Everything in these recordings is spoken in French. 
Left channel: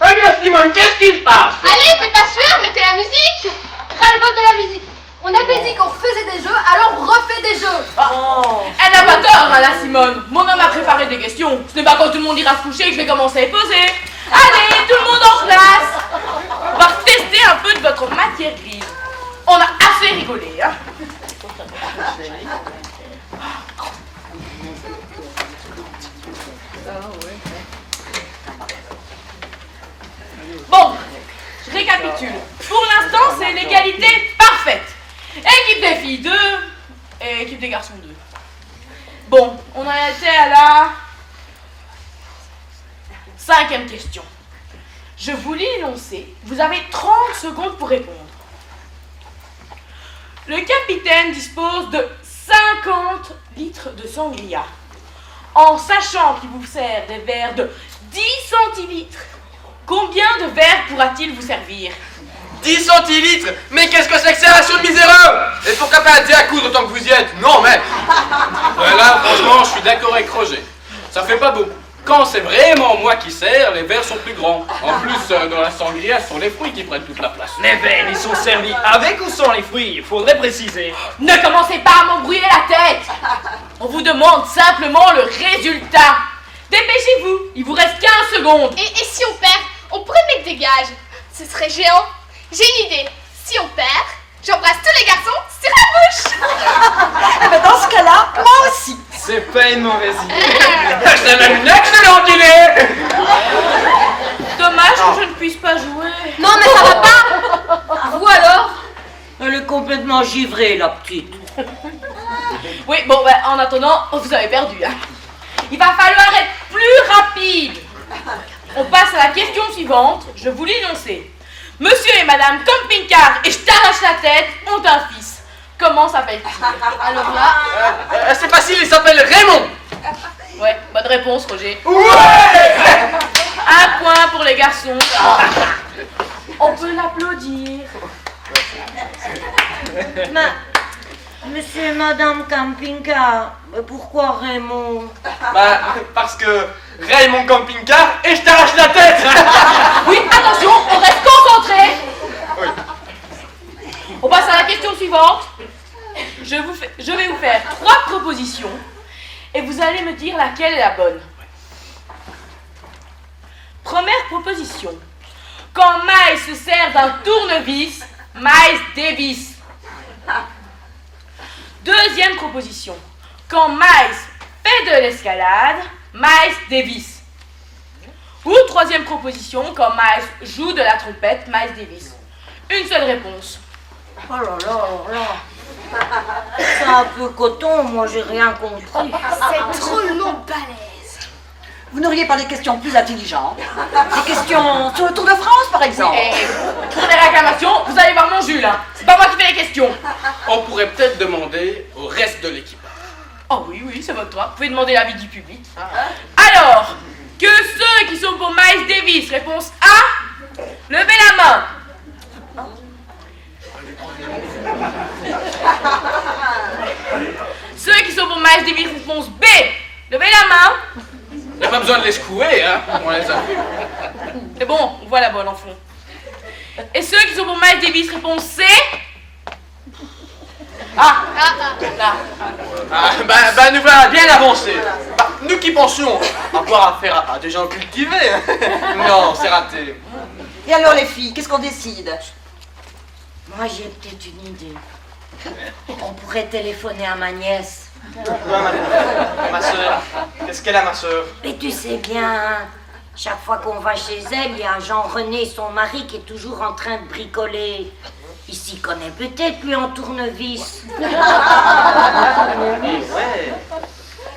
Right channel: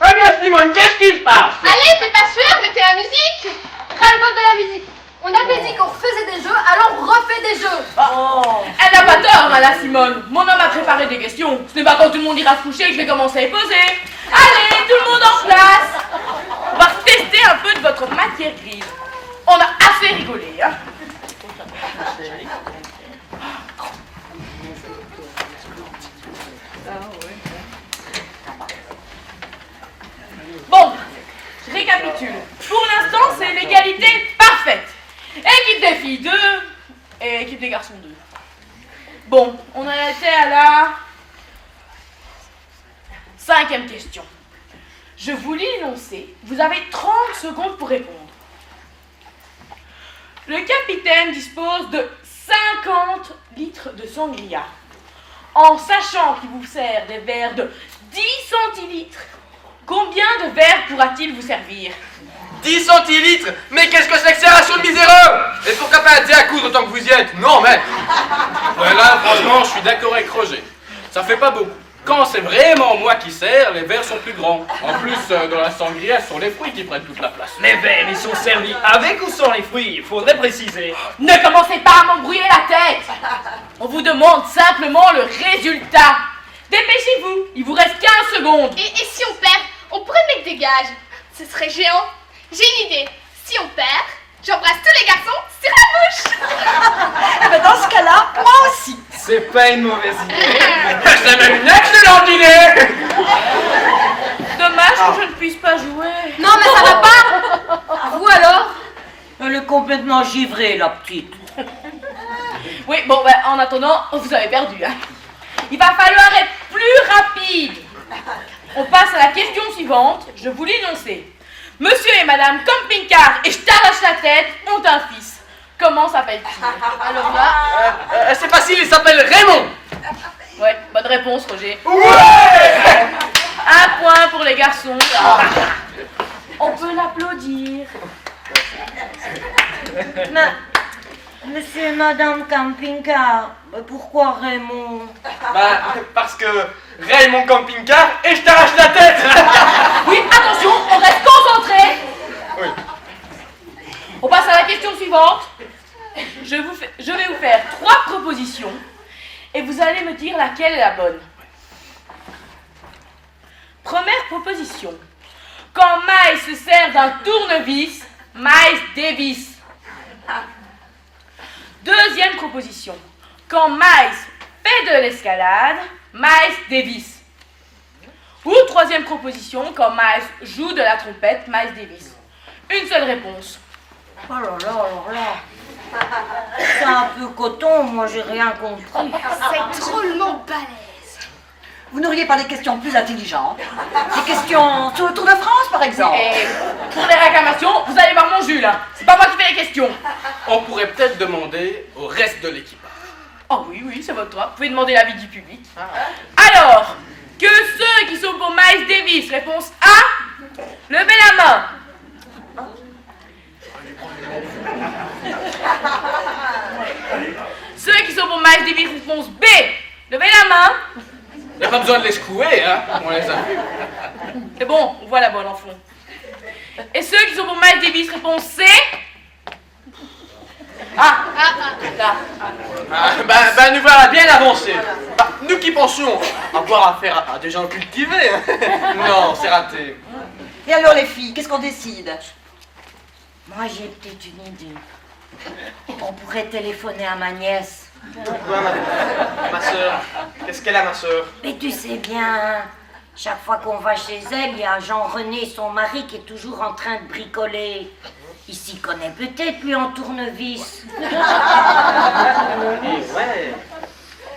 Regarde Simone, qu'est-ce qui se passe? Allez, t'es pas sûr, mettez la musique. Ras-le-bol de la musique. On avait dit qu'on refaisait des jeux, alors on refait des jeux. Elle n'a pas tort, hein, la Simone. Mon homme a préparé des questions. Ce n'est pas quand tout le monde ira se coucher que je vais commencer à les poser. Allez, tout le monde en place. On va tester un peu de votre matière grise. On a assez rigolé, hein. Bon, je récapitule. Pour l'instant, c'est l'égalité parfaite. Équipe des filles 2 et équipe des garçons 2. Bon, on en était à la 5e question. Je vous lis l'énoncé. Vous avez 30 secondes pour répondre. Le capitaine dispose de 50 litres de sangria. En sachant qu'il vous sert des verres de 10 centilitres, combien de verres pourra-t-il vous servir? 10 centilitres? Mais qu'est-ce que c'est que ces rations de miséreux? Et pourquoi pas un thé à coudre autant que vous y êtes? Non, mais... Ouais, là, franchement, je suis d'accord avec Roger. Ça fait pas beaucoup. Quand c'est vraiment moi qui sers, les verres sont plus grands. En plus, dans la sangria, ce sont les fruits qui prennent toute la place. Les verres, ils sont servis avec ou sans les fruits? Il faudrait préciser. Ne commencez pas à m'embrouiller la tête. On vous demande simplement le résultat. Dépêchez-vous, il vous reste 15 secondes. Et si on perd, on pourrait mettre des gages. Ce serait géant. J'ai une idée. Si on perd, j'embrasse tous les garçons sur la bouche. Eh ben dans ce cas-là, moi aussi. C'est pas une mauvaise idée. C'est même une excellente idée! Dommage que je ne puisse pas jouer. Non, mais ça va pas. Vous alors? Elle est complètement givrée, la petite. Oui, bon, ben, en attendant, vous avez perdu. Hein. Il va falloir être plus rapide. On passe à la question suivante. Je vous l'énoncer. Monsieur et Madame Camping-Car et je t'arrache la tête ont un fils. Comment s'appelle-t-il? Alors là... C'est facile, il s'appelle Raymond! Ouais, bonne réponse, Roger. Ouais! Un point pour les garçons. On peut l'applaudir. Monsieur et Madame Camping-Car, pourquoi Raymond? Bah, parce que Raymond Camping-Car et je t'arrache la tête! Oui, attention, on reste concentré. Oui. On passe à la question suivante. Je vais vous faire 3 propositions et vous allez me dire laquelle est la bonne. Première proposition. Quand Miles se sert d'un tournevis, Miles dévisse. Deuxième proposition. Quand Miles fait de l'escalade, Miles dévisse. Ou troisième proposition. Quand Miles joue de la trompette, Miles dévisse. Une seule réponse. Oh là là, alors là. C'est un peu coton, moi j'ai rien compris. C'est drôlement balèze. Vous n'auriez pas des questions plus intelligentes? Des questions sur le Tour de France, par exemple? Et pour les réclamations, vous allez voir mon Jules. Hein. C'est pas moi qui fais les questions. On pourrait peut-être demander au reste de l'équipage. Oh oui, c'est votre droit. Vous pouvez demander l'avis du public. Alors, que ceux qui sont pour Miles Davis, réponse A, levez la main. Ceux qui sont pour Miles Davis, réponse B, levez la main. Il n'y a pas besoin de les secouer, hein. On les a vus. C'est bon, on voit la bonne en fond. Et ceux qui sont pour Miles Davis, réponse C. Là. Bah, nous voilà bien avancés. Bah, nous qui pensions avoir affaire à des gens cultivés. Non, c'est raté. Et alors les filles, qu'est-ce qu'on décide? Moi j'ai peut-être une idée. On pourrait téléphoner à ma nièce. Pourquoi ma soeur? Qu'est-ce qu'elle a, ma soeur? Mais tu sais bien, Chaque fois qu'on va chez elle, il y a Jean-René, son mari, qui est toujours en train de bricoler. Il s'y connaît peut-être, lui, en tournevis. Ouais.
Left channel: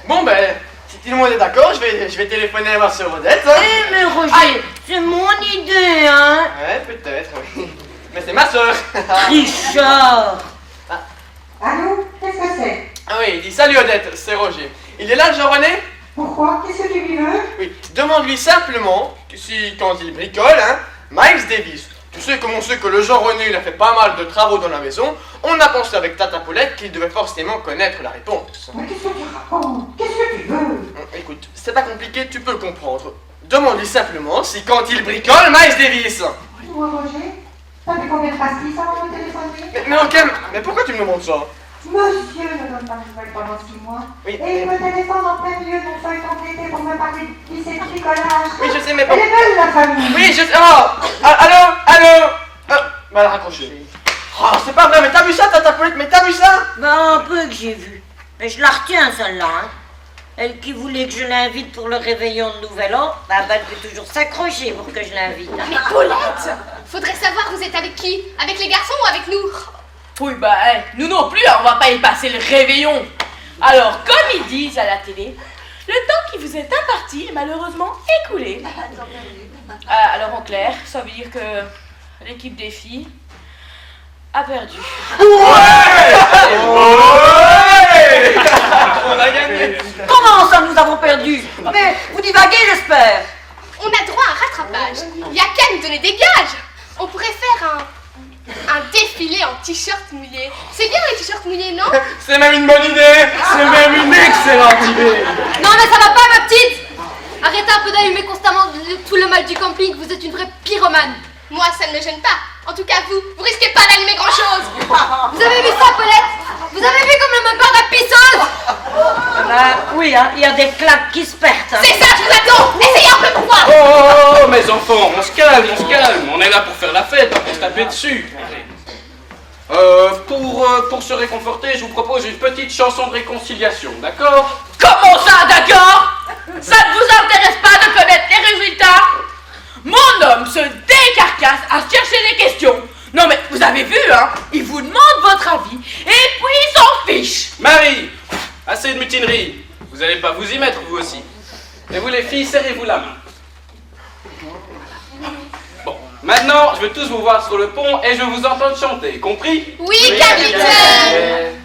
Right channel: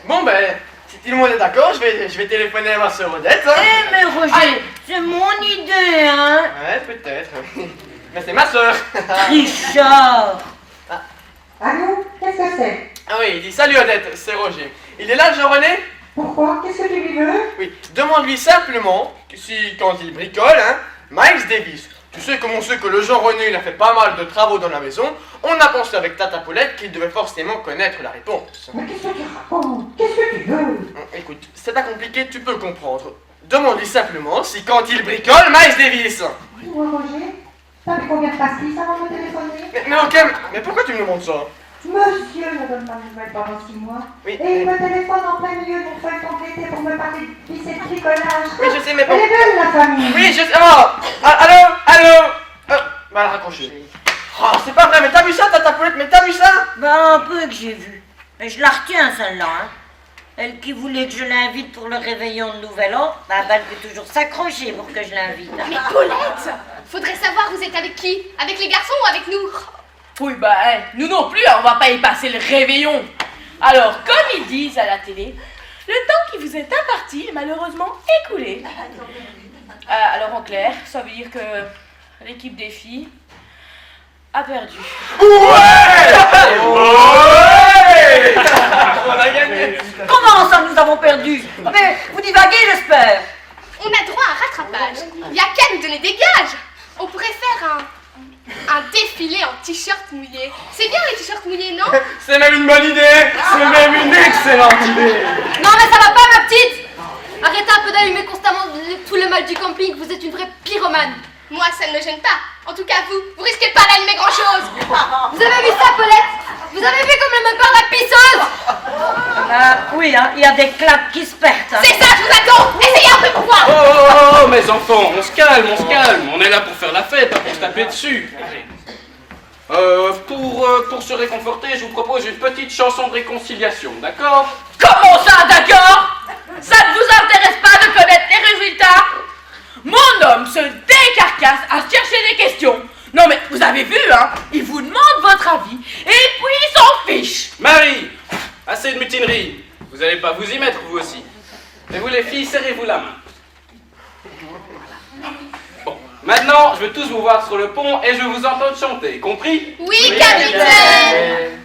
Bon, ben, si tout le monde est d'accord, je vais téléphoner à ma sœur Odette. Hein. Eh, mais Roger, c'est mon idée, hein? Ouais, peut-être, oui. Mais c'est ma sœur. Trichard! Allô? Qu'est-ce que c'est? Ah oui, il dit salut Odette, c'est Roger. Il est là, Jean-René? Pourquoi? Qu'est-ce que tu lui veux? Oui, demande-lui simplement que si, quand il bricole, hein, Miles Davis. Tu sais, comme on sait que le Jean-René, il a fait pas mal de travaux dans la maison, on a pensé avec Tata Paulette qu'il devait forcément connaître la réponse. Mais qu'est-ce que tu racontes? Qu'est-ce que tu veux? Écoute, c'est pas compliqué, tu peux le comprendre. Demande-lui simplement si quand il bricole, Miles Davis. Dis-moi, Roger, t'avais combien de pastilles avant de me téléphoner? Mais ok, mais pourquoi tu me demandes ça? Monsieur ne donne pas de nouvelles pendant 6 mois. Oui. Et il me téléphone en plein milieu d'une feuille complétée pour me parler de lycée de bricolage. Oui, je sais, mais Elle bon. est belle, la famille. Oui, je sais. Oh, allô? Bah, raccroché. Oh, c'est pas vrai, mais t'as vu ça, Tata Paulette? Mais t'as vu ça? Ben, un peu que j'ai vu. Mais je la retiens, celle-là, hein. Elle qui voulait que je l'invite pour le réveillon de Nouvel An, ben, elle peut toujours s'accrocher pour que je l'invite. Mais Paulette, faudrait savoir vous êtes avec qui? Avec les garçons ou avec nous? Oui, bah, nous non plus, hein, on va pas y passer le réveillon. Alors, comme ils disent à la télé, le temps qui vous est imparti est malheureusement écoulé. Alors, en clair, ça veut dire que l'équipe des filles a perdu. On a gagné. Comment ça, nous avons perdu? Mais vous divaguez, j'espère. On a droit à un rattrapage. Il y a qu'à nous donner des gages. On pourrait faire un défilé en t-shirt mouillé. C'est bien les t-shirts mouillés, non? C'est même une bonne idée. C'est même une excellente idée. Non mais ça va pas ma petite! Arrêtez un peu d'allumer constamment tout le mal du camping, vous êtes une vraie pyromane. Moi, ça ne me gêne pas. En tout cas, vous risquez pas d'allumer grand-chose. Vous avez vu ça Paulette? Vous avez vu comme le moteur de la pisseuse? Ben, oui, hein, il y a des claques qui se perdent. Hein. C'est ça, je vous attends. Essayez un peu pour voir. Oh, mes enfants, on se calme, on se calme. On est là pour faire la fête, pas pour se taper dessus. Pour se réconforter, je vous propose une petite chanson de réconciliation, d'accord? Comment ça, d'accord? Ça ne vous intéresse pas de connaître les résultats? Mon homme se décarcasse à chercher les questions. Non mais, vous avez vu, hein? Il vous demande votre avis, et puis il s'en fiche. Marie, assez de mutinerie. Vous allez pas vous y mettre, vous aussi. Et vous les filles, serrez-vous la main. Bon, maintenant, je veux tous vous voir sur le pont et je veux vous entendre chanter, compris? Oui, capitaine.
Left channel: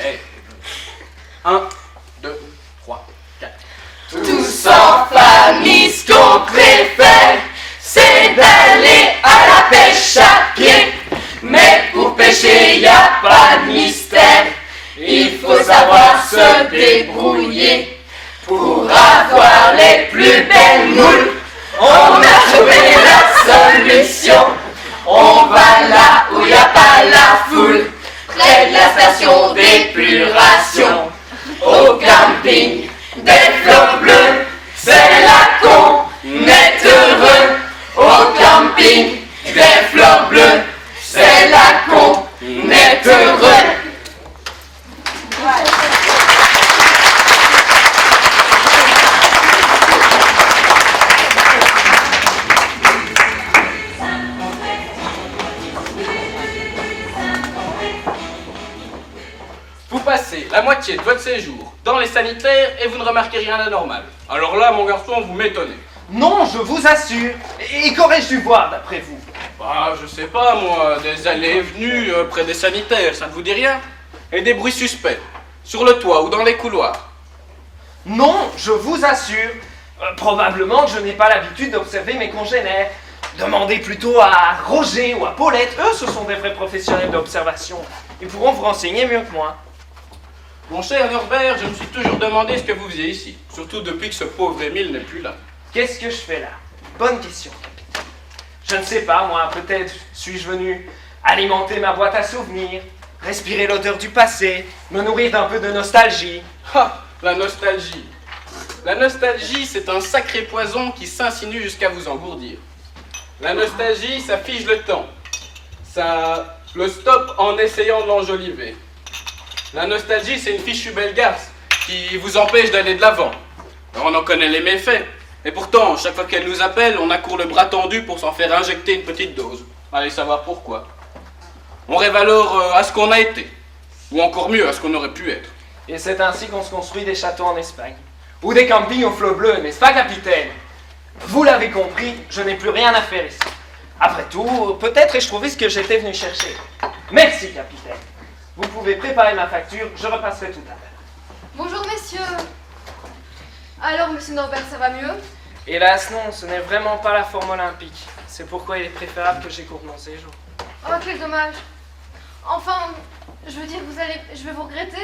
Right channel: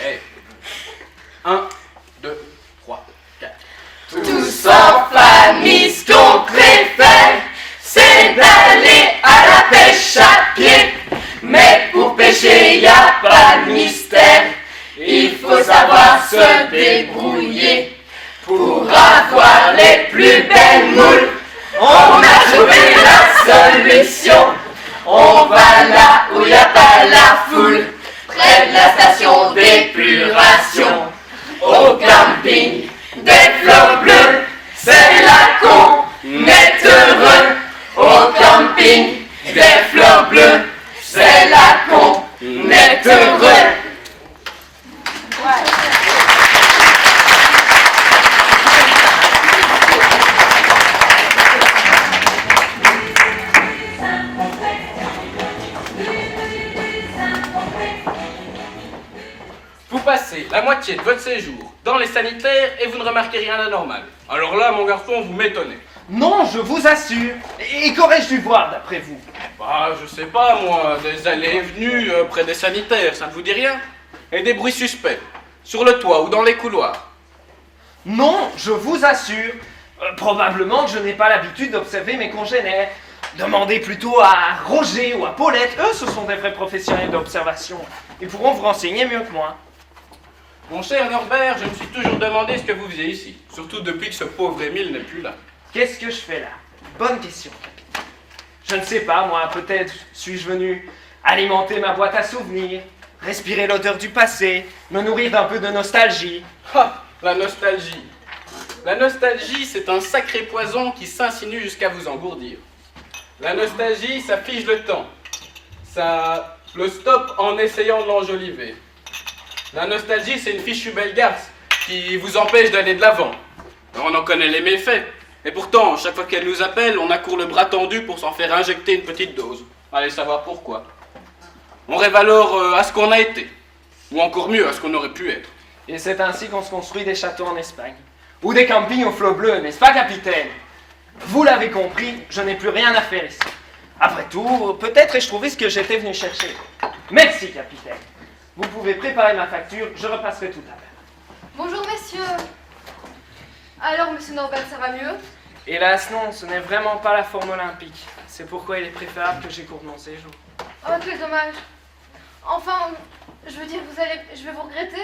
Hey. 1, 2, 3, 4. Tous en famille, ce qu'on préfère, c'est d'aller à la pêche à pied. Mais pour pêcher, y a pas de mystère. Il faut savoir se débrouiller pour avoir les plus belles moules. On a trouvé la solution. On va là où y a pas la foule, près de la station d'épuration. Au camping des flots bleus, c'est là qu'on est heureux. Au camping des flots bleus, c'est là qu'on est heureux. Vous passez la moitié de votre séjour dans les sanitaires et vous ne remarquez rien d'anormal. Alors là, mon garçon, vous m'étonnez. Non, je vous assure. Et qu'aurais-je dû voir d'après vous? Bah, je sais pas, moi, des allées et venues près des sanitaires, ça ne vous dit rien? Et des bruits suspects, sur le toit ou dans les couloirs. Non, je vous assure. Probablement que je n'ai pas l'habitude d'observer mes congénères. Demandez plutôt à Roger ou à Paulette. Eux, ce sont des vrais professionnels d'observation. Ils pourront vous renseigner mieux que moi. Mon cher Norbert, je me suis toujours demandé ce que vous faisiez ici, surtout depuis que ce pauvre Émile n'est plus là. Qu'est-ce que je fais là? Bonne question, capitaine. Je ne sais pas, moi, peut-être suis-je venu alimenter ma boîte à souvenirs, respirer l'odeur du passé, me nourrir d'un peu de nostalgie. Ah, la nostalgie. La nostalgie, c'est un sacré poison qui s'insinue jusqu'à vous engourdir. La nostalgie, ça fige le temps. Ça le stoppe en essayant de l'enjoliver. La nostalgie, c'est une fichue belle garce qui vous empêche d'aller de l'avant. On en connaît les méfaits. Et pourtant, chaque fois qu'elle nous appelle, on accourt le bras tendu pour s'en faire injecter une petite dose. Allez savoir pourquoi. On rêve alors à ce qu'on a été. Ou encore mieux, à ce qu'on aurait pu être. Et c'est ainsi qu'on se construit des châteaux en Espagne. Ou des campings au flot bleu, n'est-ce pas, capitaine? Vous l'avez compris, je n'ai plus rien à faire ici. Après tout, peut-être ai-je trouvé ce que j'étais venu chercher. Merci, capitaine. Vous pouvez préparer ma facture, je repasserai tout à l'heure. Bonjour messieurs. Alors monsieur Norbert, ça va mieux? Hélas non, ce n'est vraiment pas la forme olympique. C'est pourquoi il est préférable que j'écourte mon séjour. Oh quel dommage. Enfin, je veux dire, je vais vous regretter.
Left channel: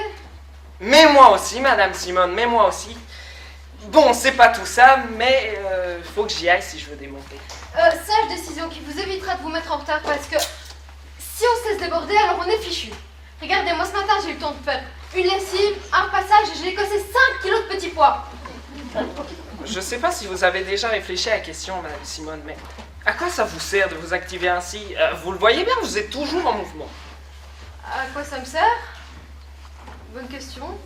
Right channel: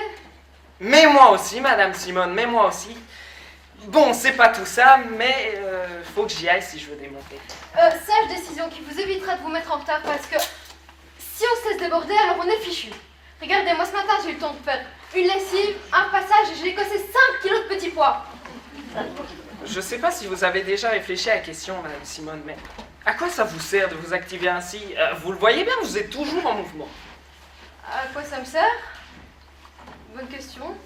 Mais moi aussi, Madame Simone, mais moi aussi. Bon, c'est pas tout ça, mais faut que j'y aille si je veux démonter. Sage décision qui vous évitera de vous mettre en retard parce que si on se laisse déborder, alors on est fichu. Regardez, moi ce matin j'ai eu le temps de faire une lessive, un passage et j'ai écossé 5 kilos de petits pois. Je sais pas si vous avez déjà réfléchi à la question, Madame Simone, mais à quoi ça vous sert de vous activer ainsi? Vous le voyez bien, vous êtes toujours en mouvement. À quoi ça me sert? Bonne question.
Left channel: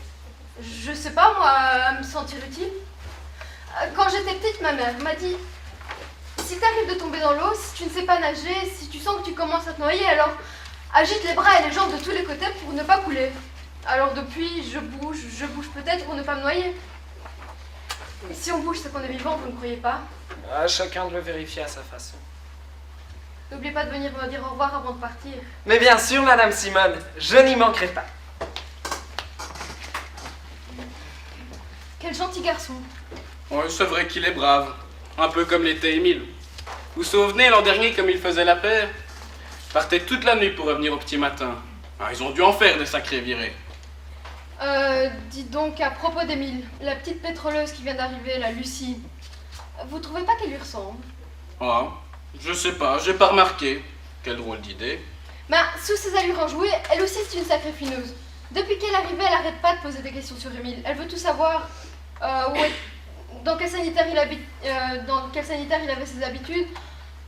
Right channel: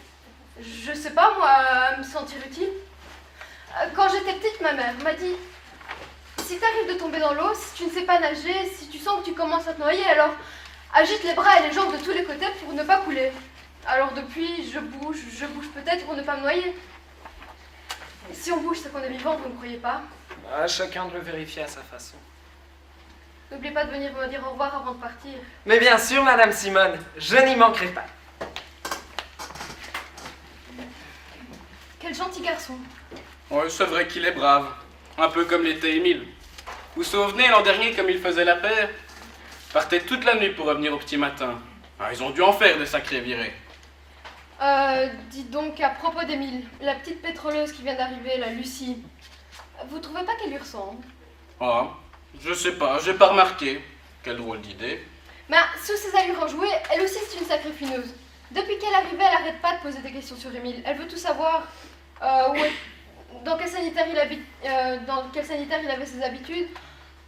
Je sais pas, moi, à me sentir utile. Quand j'étais petite, ma mère m'a dit si t'arrives de tomber dans l'eau, si tu ne sais pas nager, si tu sens que tu commences à te noyer, alors agite les bras et les jambes de tous les côtés pour ne pas couler. Alors depuis, je bouge peut-être pour ne pas me noyer. Si on bouge, c'est qu'on est vivant, vous ne croyez pas? Chacun doit vérifier à sa façon. N'oubliez pas de venir me dire au revoir avant de partir. Mais bien sûr, Madame Simone, je n'y manquerai pas. Quel gentil garçon. Ouais, c'est vrai qu'il est brave. Un peu comme l'était Émile. Vous vous souvenez l'an dernier comme il faisait la paire? Partait toute la nuit pour revenir au petit matin. Ah, ils ont dû en faire des sacrés virées. Dites donc, à propos d'Émile, la petite pétroleuse qui vient d'arriver, la Lucie, vous trouvez pas qu'elle lui ressemble? Ah, je sais pas, j'ai pas remarqué. Quelle drôle d'idée. Ben, sous ses allures enjouées, elle aussi c'est une sacrée fineuse. Depuis qu'elle est arrivée, elle arrête pas de poser des questions sur Émile. Elle veut tout savoir. Dans quel sanitaire il avait ses habitudes?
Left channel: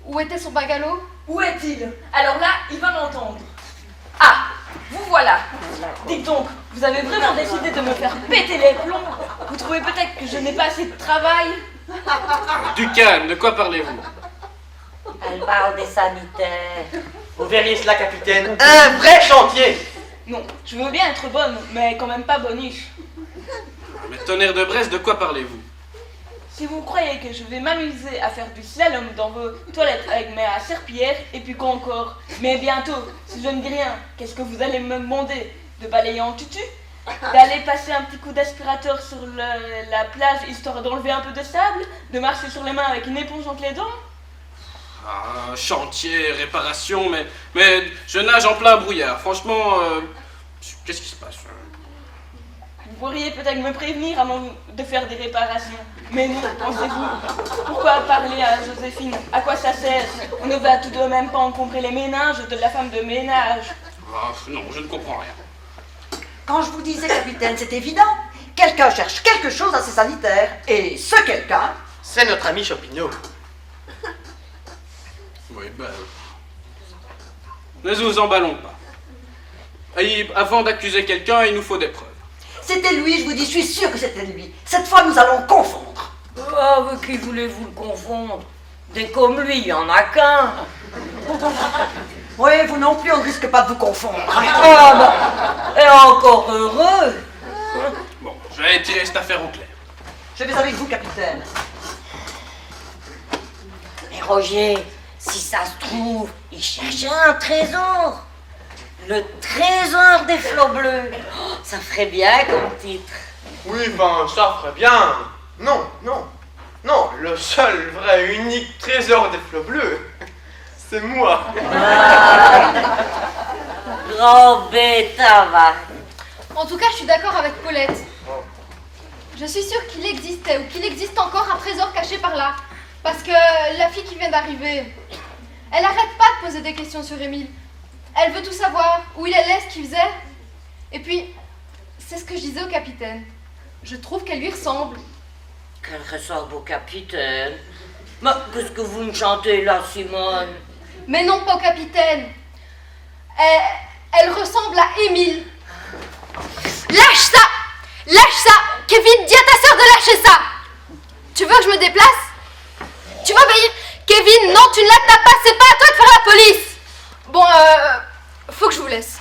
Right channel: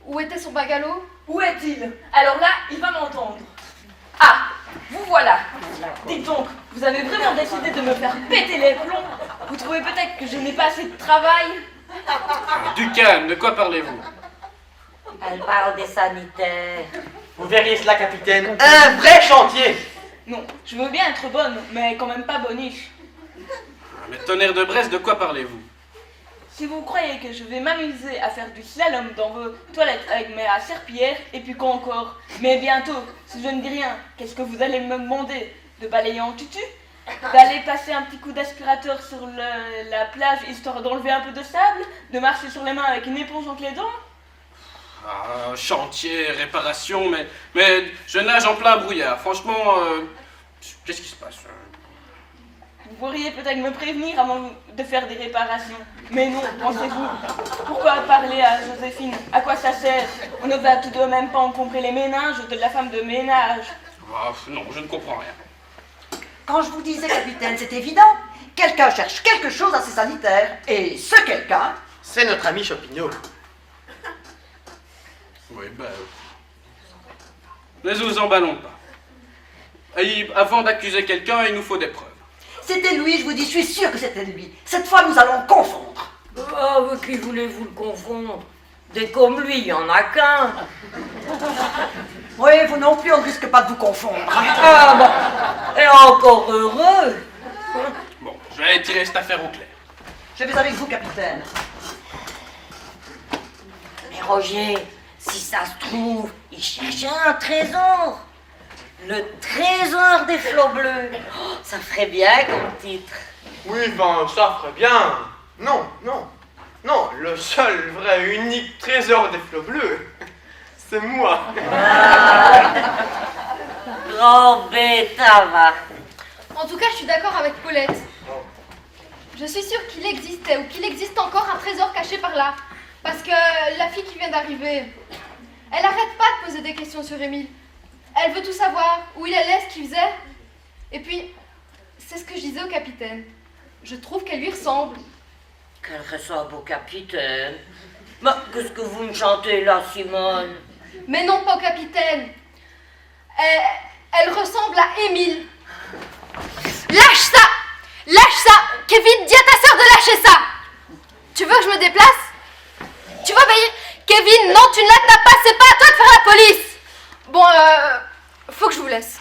Où était son bungalow? Où est-il? Alors là, il va m'entendre. Ah, vous voilà. Dites donc, vous avez vraiment décidé de me faire péter les plombs? Vous trouvez peut-être que je n'ai pas assez de travail? Du calme, de quoi parlez-vous? Elle parle des sanitaires. Vous verriez cela, capitaine. Un vrai chantier. Non, je veux bien être bonne, mais quand même pas boniche. Mais tonnerre de Brest, de quoi parlez-vous? Si vous croyez que je vais m'amuser à faire du slalom dans vos toilettes avec mes serpillères, et puis quoi encore? Mais bientôt, si je ne dis rien, qu'est-ce que vous allez me demander? De balayer en tutu? D'aller passer un petit coup d'aspirateur sur la plage histoire d'enlever un peu de sable? De marcher sur les mains avec une éponge entre les dents? Ah, chantier, réparation, mais je nage en plein brouillard. Franchement, qu'est-ce qui se passe? Vous pourriez peut-être me prévenir avant de faire des réparations. Mais non, pensez-vous. Pourquoi parler à Joséphine? À quoi ça sert? On ne va tout de même pas encombrer les méninges de la femme de ménage. Ah, non, je ne comprends rien. Quand je vous disais, capitaine, c'est évident. Quelqu'un cherche quelque chose à ses sanitaires. Et ce quelqu'un... C'est notre ami Chopineau. Oui, ben... Ne nous emballons pas. Et avant d'accuser quelqu'un, il nous faut des preuves. C'était lui, je vous dis, je suis sûre que c'était lui. Cette fois, nous allons confondre. Oh, avec qui voulez-vous le confondre? Des comme lui, il n'y en a qu'un. Oui, vous non plus, on ne risque pas de vous confondre. Ah bah, et encore heureux. Bon, je vais tirer cette affaire au clair. Je vais avec vous, capitaine. Mais Roger, si ça se trouve, il cherchait un trésor. Le trésor des flots bleus. Oh, ça ferait bien comme titre. Oui, ben, ça ferait bien. Non, non, non, le seul vrai unique trésor des flots bleus, c'est moi. Grand bêta, va. En tout cas, je suis d'accord avec Paulette. Je suis sûre qu'il existait ou qu'il existe encore un trésor caché par là. Parce que la fille qui vient d'arriver, elle arrête pas de poser des questions sur Émile. Elle veut tout savoir, où il allait, ce qu'il faisait. Et puis, c'est ce que je disais au capitaine. Je trouve qu'elle lui ressemble. Qu'elle ressemble au capitaine. Mais qu'est-ce que vous me chantez là, Simone? Mais non, pas au capitaine. Elle ressemble à Émile. Lâche ça! Lâche ça! Kevin, dis à ta sœur de lâcher ça! Tu veux que je me déplace? Tu vas obéir? Kevin, non, tu ne l'attrapes pas, c'est pas à toi de faire la police! Bon, faut que je vous laisse.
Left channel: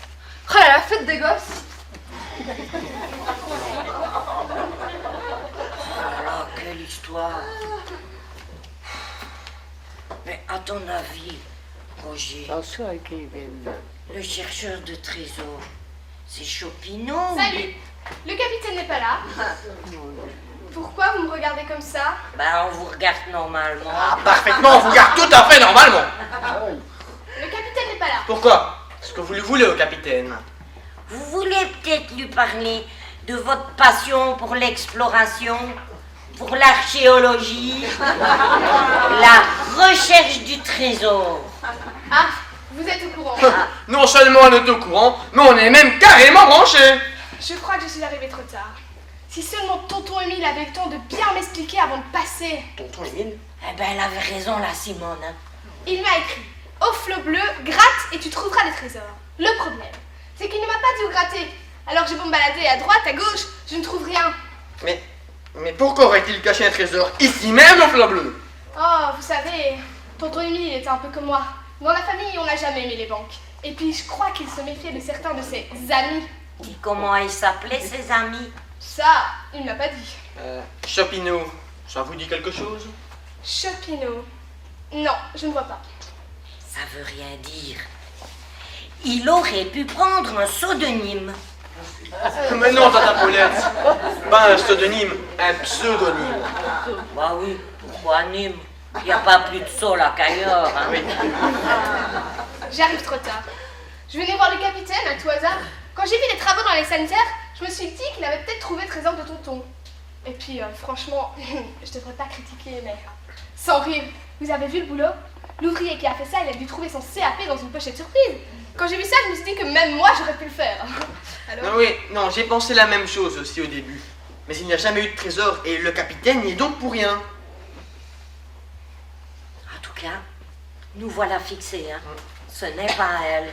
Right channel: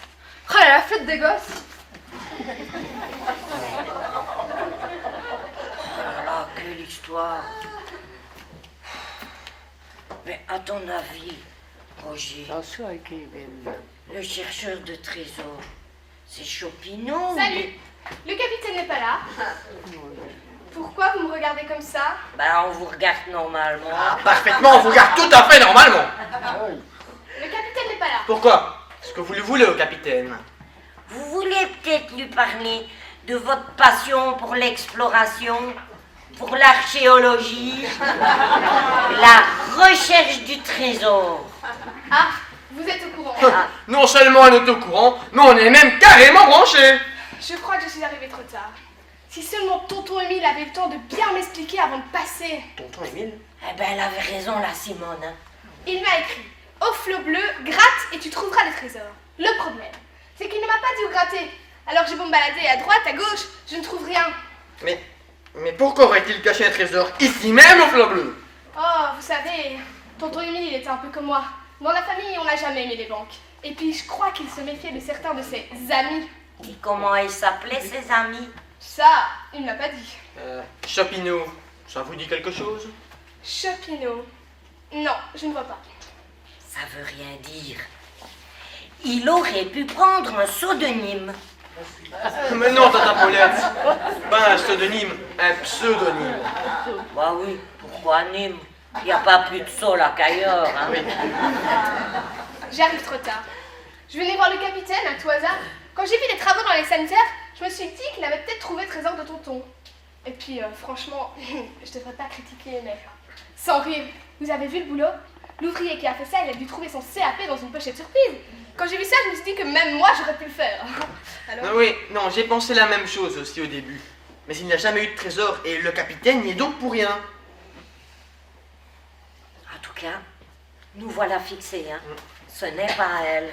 Oh là là, fête des gosses. Oh là là, quelle histoire. Mais à ton avis, Roger, le chercheur de trésors, c'est Chopineau? Salut. Le capitaine n'est pas là. Pourquoi vous me regardez comme ça? Ben, on vous regarde normalement. Parfaitement, on vous regarde tout à fait normalement. Le capitaine n'est pas là. Pourquoi? Est-ce que vous lui voulez au capitaine? Vous voulez peut-être lui parler de votre passion pour l'exploration, pour l'archéologie, la recherche du trésor. Ah, vous êtes au courant. Non seulement on est au courant, mais on est même carrément branchés. Je crois que je suis arrivée trop tard. Si seulement tonton Émile avait eu le temps de bien m'expliquer avant de passer. Tonton Émile? Eh ben, elle avait raison, la Simone. Hein. Il m'a écrit « Au flot bleu, gratte et tu trouveras le trésor ». Le problème, c'est qu'il ne m'a pas dit où gratter. Alors j'ai beau me balader à droite, à gauche, je ne trouve rien. Mais pourquoi aurait-il caché un trésor ici même au flot bleu? Oh, vous savez, tonton Émile il était un peu comme moi. Dans la famille, on n'a jamais aimé les banques. Et puis je crois qu'il se méfiait de certains de ses amis. Et comment ils s'appelaient, ses amis? Ça, il ne m'a pas dit. Chopineau, ça vous dit quelque chose? Chopineau. Non, je ne vois pas. Ça veut rien dire. Il aurait pu prendre un pseudonyme. Mais non, tata Paulette. Pas un pseudonyme, un pseudonyme. Bah oui, pourquoi Nîmes? Il n'y a pas plus de sol à qu'ailleurs. Hein. Oui. J'arrive trop tard. Je venais voir le capitaine à tout hasard. Quand j'ai vu les travaux dans les sanitaires, je me suis dit qu'il avait peut-être trouvé le trésor de tonton. Et puis, franchement, je devrais pas critiquer, mais sans rire, vous avez vu le boulot? L'ouvrier qui a fait ça, il a dû trouver son CAP dans une pochette surprise. Quand j'ai vu ça, je me suis dit que même moi, j'aurais pu le faire. Alors... Oui, non, j'ai pensé la même chose aussi au début. Mais il n'y a jamais eu de trésor et le capitaine n'y est donc pour rien. En tout cas, nous voilà fixés. Hein. Ce n'est pas elle.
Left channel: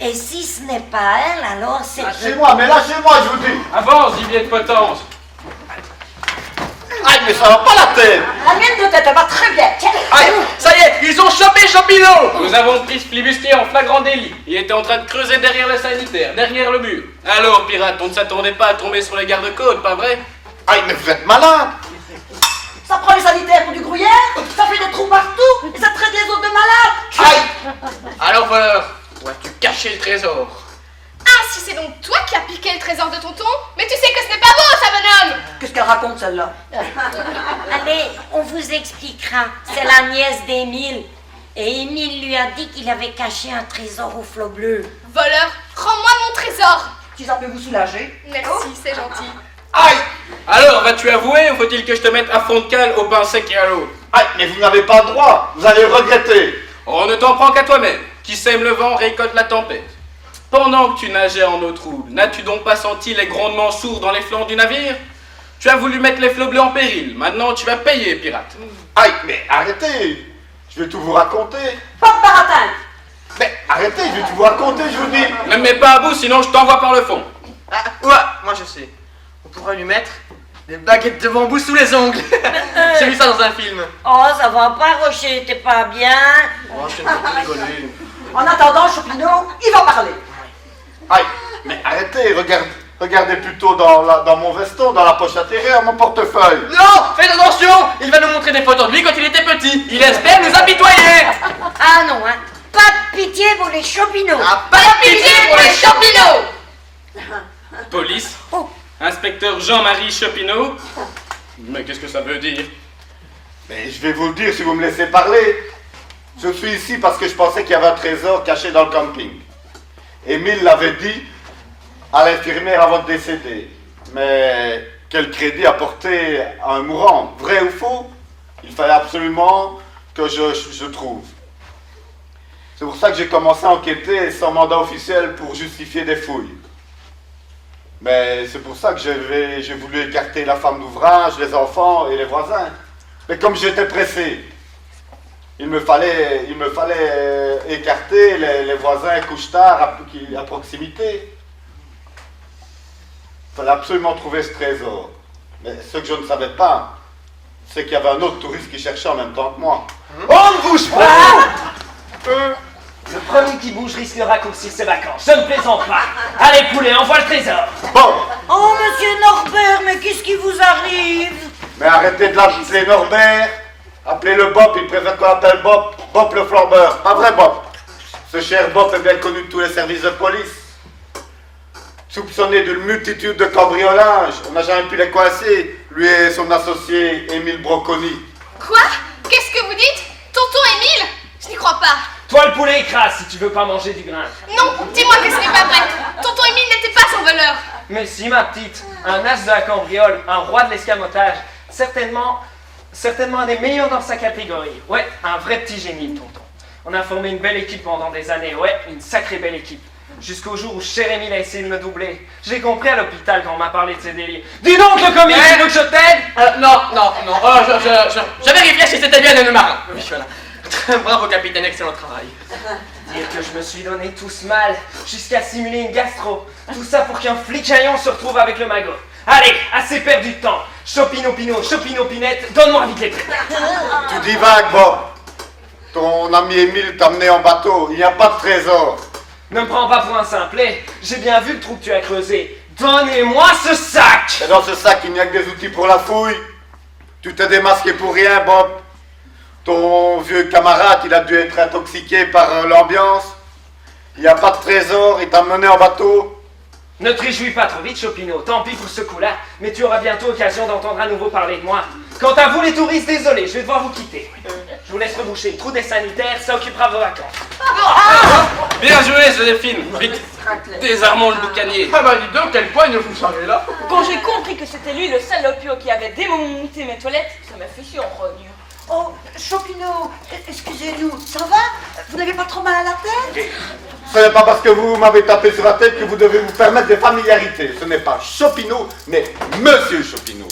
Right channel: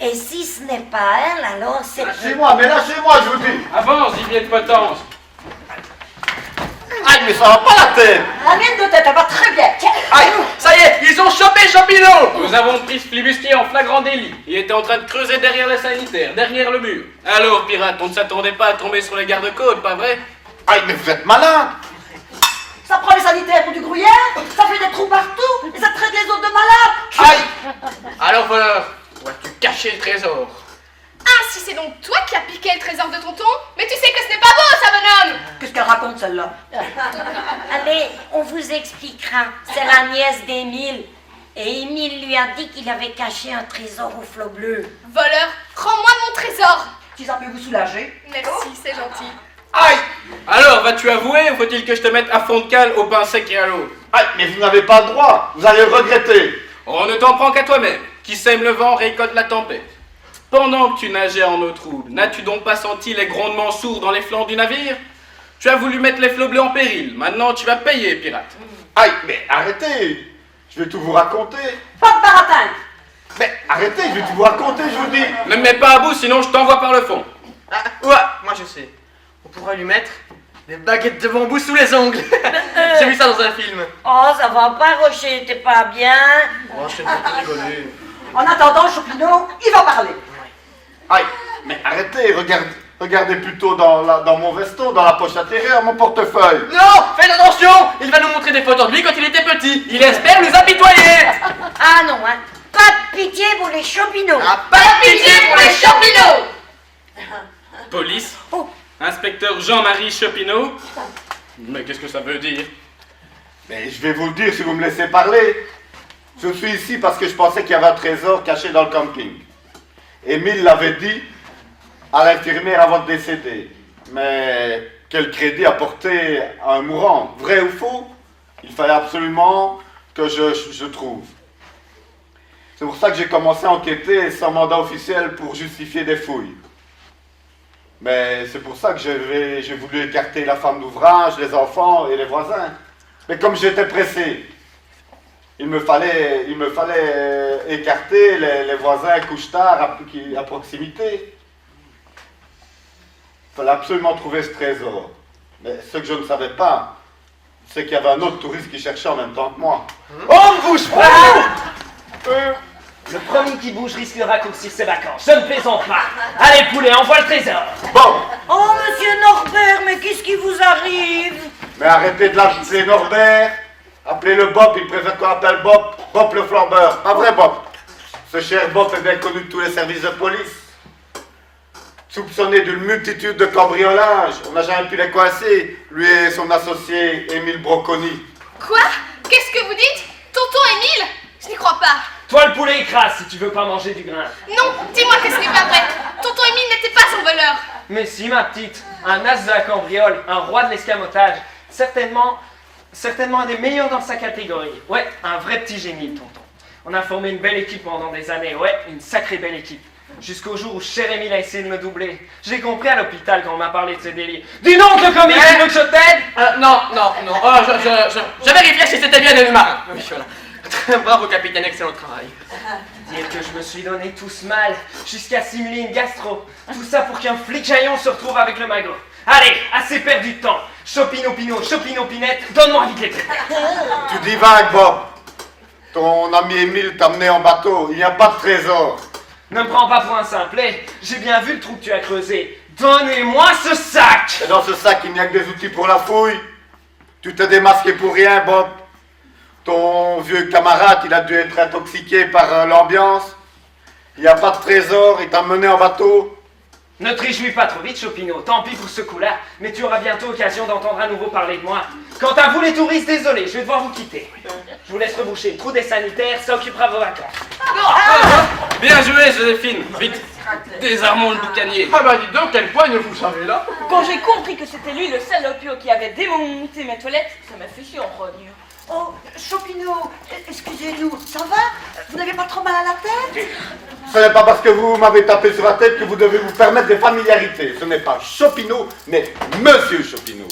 Et si ce n'est pas elle, alors c'est... Lâchez-moi, mais lâchez-moi, je vous dis. Avance, gibier de potence. Aïe, mais ça va pas la tête. La mienne de tête, elle va très bien. Tiens. Aïe, ça y est, ils ont chopé Chopineau. Nous avons pris ce flibustier en flagrant délit. Il était en train de creuser derrière le sanitaire, derrière le mur. Alors, pirate, on ne s'attendait pas à tomber sur les gardes-côtes, pas vrai? Aïe, mais vous êtes malade. Ça prend les sanitaires pour du gruyère, ça fait des trous partout, et ça traite les autres de malades. Aïe. Alors, voleur, où as-tu caché le trésor? Ah, si c'est donc toi qui as piqué le trésor de tonton? Mais tu sais que ce n'est pas beau, ça, bonhomme! Qu'est-ce qu'elle raconte, celle-là? Allez, on vous expliquera. C'est la nièce d'Émile. Et Émile lui a dit qu'il avait caché un trésor au flot bleu. Voleur, rends-moi mon trésor! Si ça peut vous soulager. Merci, c'est gentil. Aïe. Alors, vas-tu avouer ou faut-il que je te mette à fond de cale au pain sec et à l'eau? Aïe, mais vous n'avez pas le droit. Vous allez le regretter. On ne t'en prend qu'à toi-même. Qui sème le vent récolte la tempête. Pendant que tu nageais en eau trouble, n'as-tu donc pas senti les grondements sourds dans les flancs du navire? Tu as voulu mettre les flots bleus en péril. Maintenant, tu vas payer, pirate. Aïe, mais arrêtez. Je vais tout vous raconter. Pas de baratin. Mais arrêtez, je vais tout vous raconter, je vous dis. Ne me mets pas à bout, sinon je t'envoie par le fond. Ah, ouais, moi je sais. On pourrait lui mettre des baguettes de bambou sous les ongles. J'ai vu ça dans un film. Oh, ça va pas, Rocher, t'es pas bien? Oh, je t'ai pas rigolé. En attendant, Chopineau, il va parler. Aïe, mais arrêtez, regardez plutôt dans mon veston, dans la poche intérieure, mon portefeuille. Non, faites attention. Il va nous montrer des photos de lui quand il était petit. Il espère nous apitoyer. Ah non, hein. Pas de pitié pour les Chopineaux. Ah, pas de pitié pour les Chopineaux. Police. Oh. Inspecteur Jean-Marie Chopineau. Mais qu'est-ce que ça veut dire? Mais je vais vous le dire si vous me laissez parler. Je suis ici parce que je pensais qu'il y avait un trésor caché dans le camping. Émile l'avait dit à l'infirmière avant de décéder. Mais quel crédit apporter à un mourant? Vrai ou faux? Il fallait absolument que je trouve. C'est pour ça que j'ai commencé à enquêter sans mandat officiel pour justifier des fouilles. Mais c'est pour ça que j'ai voulu écarter la femme d'ouvrage, les enfants et les voisins. Mais comme j'étais pressé, il me fallait écarter les voisins couche-tard à proximité. Il fallait absolument trouver ce trésor. Mais ce que je ne savais pas, c'est qu'il y avait un autre touriste qui cherchait en même temps que moi. On ne bouge pas! Le premier qui bouge risque de raccourcir ses vacances. Je ne plaisante pas. Allez, poulet, envoie le trésor. Bon, Oh, monsieur Norbert, mais qu'est-ce qui vous arrive? mais arrêtez de l'appeler Norbert. Appelez-le Bob, il préfère qu'on l'appelle Bob. Bob le flambeur, pas vrai Bob. Ce cher Bob est bien connu de tous les services de police. Soupçonné d'une multitude de cambriolages, on n'a jamais pu les coincer, lui et son associé Émile Broconi. Quoi? Qu'est-ce que vous dites? Tonton Émile? Je n'y crois pas. Toi, le poulet, écrase si tu veux pas manger du grain. Non, dis-moi que ce n'est pas vrai. Tonton Émile n'était pas son voleur. Mais si, ma petite, un as de la cambriole, un roi de l'escamotage, certainement un des meilleurs dans sa catégorie. Ouais, un vrai petit génie, tonton. On a formé une belle équipe pendant des années, ouais, une sacrée belle équipe. Jusqu'au jour où cher Émile a essayé de me doubler. J'ai compris à l'hôpital quand on m'a parlé de ses délits. Dis donc, le commis, tu veux que je t'aide? Non. Oh, je vérifiais si c'était bien le marin. Oui, voilà. Bravo, capitaine, excellent travail. Dire que je me suis donné tout ce mal, jusqu'à simuler une gastro. Tout ça pour qu'un flicaillon se retrouve avec le magot. Allez, assez perdu de temps. Chopino Pinette, donne-moi vite les clés. Tu divagues, Bob. Ton ami Émile t'a mené en bateau, il n'y a pas de trésor. Ne me prends pas pour un simplet, j'ai bien vu le trou que tu as creusé. Donnez-moi ce sac! Et dans ce sac, il n'y a que des outils pour la fouille. Tu t'es démasqué pour rien, Bob. Ton vieux camarade, il a dû être intoxiqué par l'ambiance. Il n'y a pas de trésor, il t'a mené en bateau. Ne te réjouis pas trop vite, Chopino, tant pis pour ce coup-là, mais tu auras bientôt l'occasion d'entendre à nouveau parler de moi. Quant à vous les touristes, désolé, je vais devoir vous quitter. Je vous laisse reboucher le trou des sanitaires, ça occupera vos vacances. Bien joué, Joséphine. Vite, désarmons le boucanier. Ah bah dis donc, quelle poigne vous savez là. Quand j'ai compris que c'était lui le salopio qui avait démonté mes toilettes, ça m'a fait chier en rogne. Oh, Chopino, excusez-nous, ça va? Vous n'avez pas trop mal à la tête? Ce n'est pas parce que vous m'avez tapé sur la tête que vous devez vous permettre des familiarités. Ce n'est pas Chopino, mais Monsieur Chopino.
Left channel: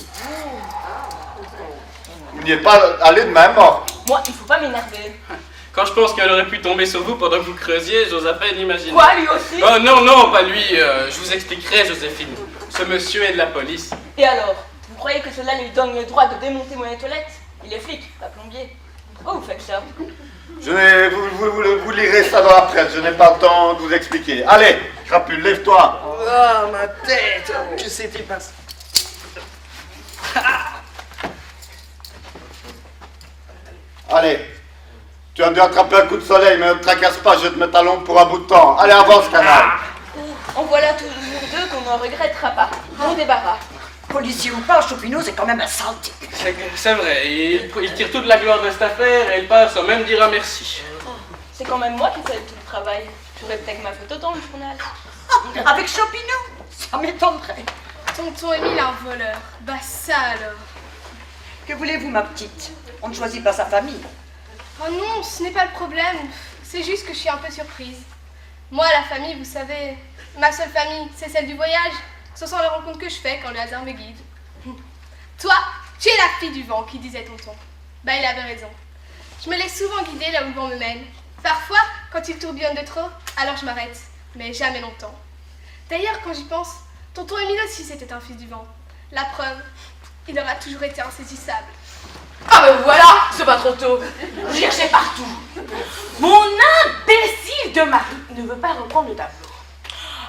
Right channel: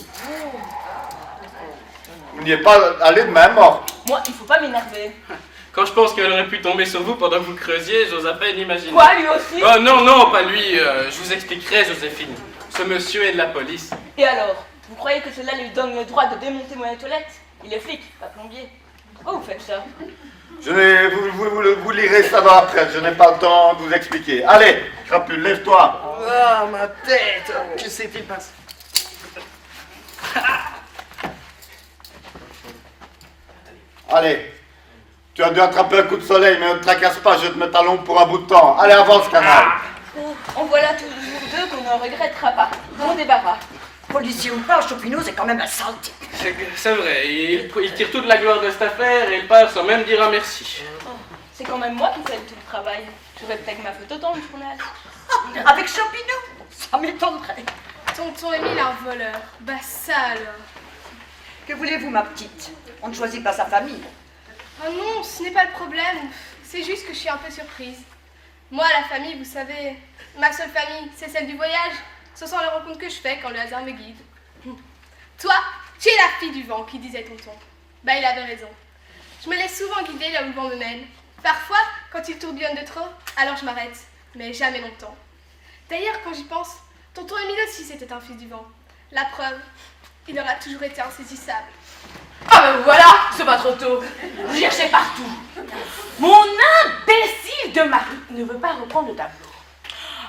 Vous n'y êtes pas allé de main morte. Moi, il faut pas m'énerver. Quand je pense qu'elle aurait pu tomber sur vous pendant que vous creusiez, j'ose à peine imaginer. Quoi, lui aussi? Oh non, pas lui. Je vous expliquerai, Joséphine. Ce monsieur est de la police. Et alors? Vous croyez que cela lui donne le droit de démonter mon toilette? Il est flic, pas plombier. Pourquoi vous faites ça? Vous lirez ça dans la presse, je n'ai pas le temps de vous expliquer. Allez, Crapule, lève-toi. Oh, ma tête, que s'est-il passé? Allez, tu as dû attraper un coup de soleil, mais ne te tracasse pas, je vais te mettre à l'ombre pour un bout de temps. Allez, avance, canal. En voilà toujours deux qu'on ne regrettera pas. Bon débarras. Policier ou pas, Chopino, c'est quand même un sale type. C'est vrai, il tire toute la gloire de cette affaire et il part sans même dire un merci. C'est quand même moi qui fais tout le travail. J'aurais peut-être ma photo dans le journal. Avec Chopino, ça m'étonnerait. Tonton Émile est un voleur. Bah ça alors. Que voulez-vous, ma petite? On ne choisit pas sa famille. Oh non, ce n'est pas le problème. C'est juste que je suis un peu surprise. Moi, la famille, vous savez, ma seule famille, c'est celle du voyage. Ce sont les rencontres que je fais quand le hasard me guide. Toi, tu es la fille du vent, qui disait tonton. Bah, il avait raison. Je me laisse souvent guider là où le vent me mène. Parfois, quand il tourbillonne de trop, alors je m'arrête. Mais jamais longtemps. D'ailleurs, quand j'y pense, tonton Émile aussi c'était un fils du vent. La preuve, il aura toujours été insaisissable. Ah mais voilà, c'est pas trop tôt. Vous cherchez partout. Mon imbécile de mari ne veut pas reprendre le tableau.